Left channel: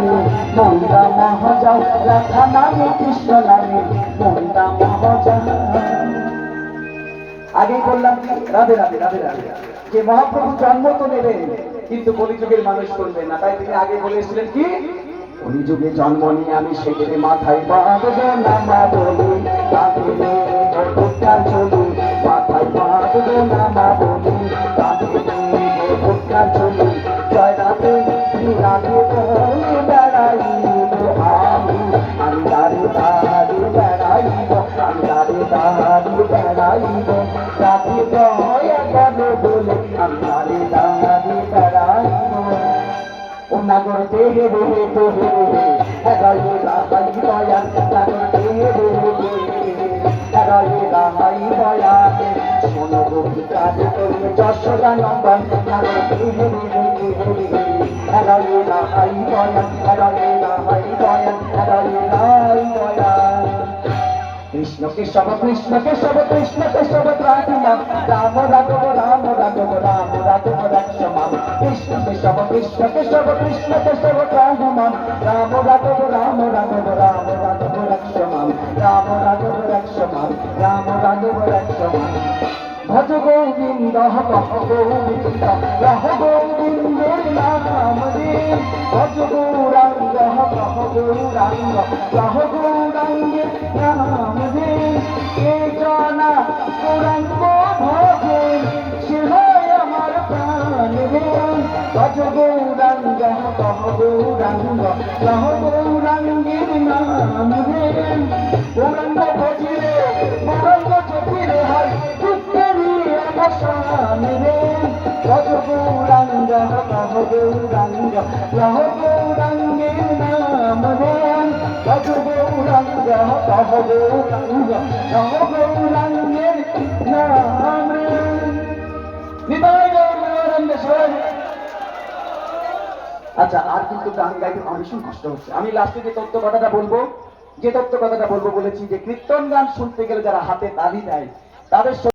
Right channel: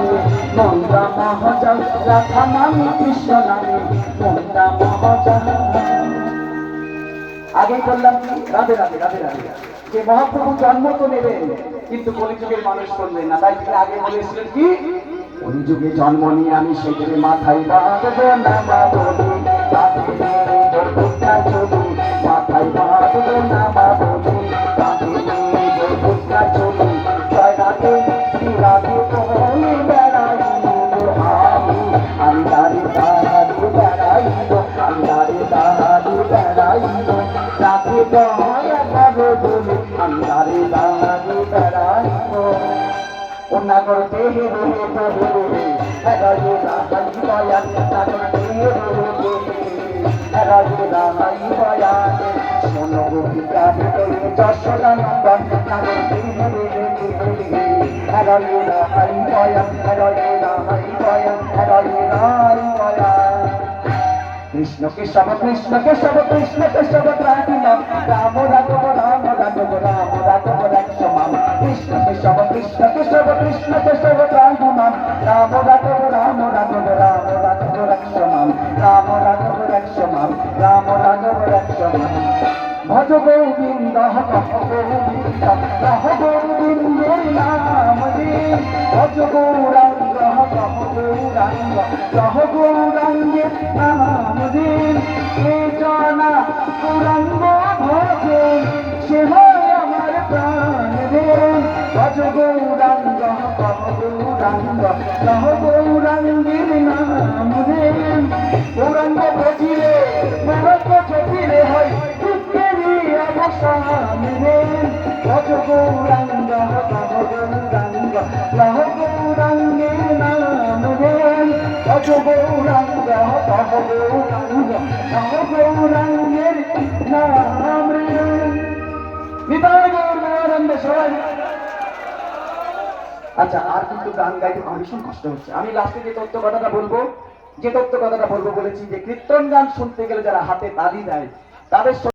নামে মনটা মহাজন, রাধা নামে কৃষ্ণ নামে মনটা মহাজন। আগেই বললাম কি রাধে রাধে রাধে রাধে, যে মহাপ্রভু জন্ম তো নেবেন কিন্তু কলিযুগের মানুষ করবেন না, তাই তিনি আগে বলেছিলেন কি কলিযুগে জন্ম নিয়ে আমি সেখানে মাথায় বাঁধবো নামা বলি, চলি মাথায় বাঁধবো নামা বলি, চলি জয় রাধে শ্রী রাধে বলে বেড়াইব আমি, আমি দাঁড়ে দাঁড়ে বেড়াইব, আমি দাঁড়ে দাঁড়ে বেড়াইব রাধে দয়া করে বলে, আমি দাঁড়ে দাঁড়ে বেড়াইব। নাগর দেহে দেহে দেহে হেরাইয়ে রাহাই বয়ান, নাগর দেহে দেহে দেহে হেরাইয়ে রাহাই বয়ান, শোনো গোপিকা যশোদা নন্দন, নাগর দেহে দেহে দেহে হেরাইয়ে রাহাই বয়ান, হেরাইয়ে রাহাই বয়ান, হেরাইয়ে রাহাই বয়ান। কৃষ্ণ কেশব কৃষ্ণ কেশব কৃষ্ণ কেশব রাধিনাম, রাম রাঘব রাম রাঘব রাম রাঘব লক্ষ্মণ, কৃষ্ণ কেশব কৃষ্ণ কেশব কৃষ্ণ কেশব রাধিনাম, রাম রাঘব রাম রাঘব রাম রাঘব লক্ষ্মণ, রাম রাঘব লক্ষ্মণ, রাম রাঘব লক্ষ্মণ। ভজ গোবিন্দ কহ গোবিন্দ রহ গোবিন্দের নাম দিন, ভজ গৌরাঙ্গ কহ গৌরাঙ্গ রহ গৌরাঙ্গের নাম দিন, কে জানা গৌরাঙ্গ ভজন সে হয় আমার প্রাণ দিন, ভজ গৌরাঙ্গ কহ গৌরাঙ্গ রহ গৌরাঙ্গের নাম দিন। গৌরাঙ্গ ভজিলে গৌরাঙ্গ জপিলে হয় ভজ গৌরাঙ্গ কহ গৌরাঙ্গ রহ গৌরাঙ্গের নাম দেন, ভজ গৌরাঙ্গ কহ গৌরাঙ্গ রহ গৌরাঙ্গের নাম দেন। বিদায় গৌরাঙ্গ শরণ। আচ্ছা, আর কিন্তু গান গাইতে আমার ভীষণ কষ্ট হচ্ছে। আমি লাস্টে যে তত্ত্ব কথাটা বলবো, যে তত্ত্ব কথাটা বলবো বলেছি যে কীর্তন গান শুনতে গেলে যারা হাতে তালি দেয় তাদের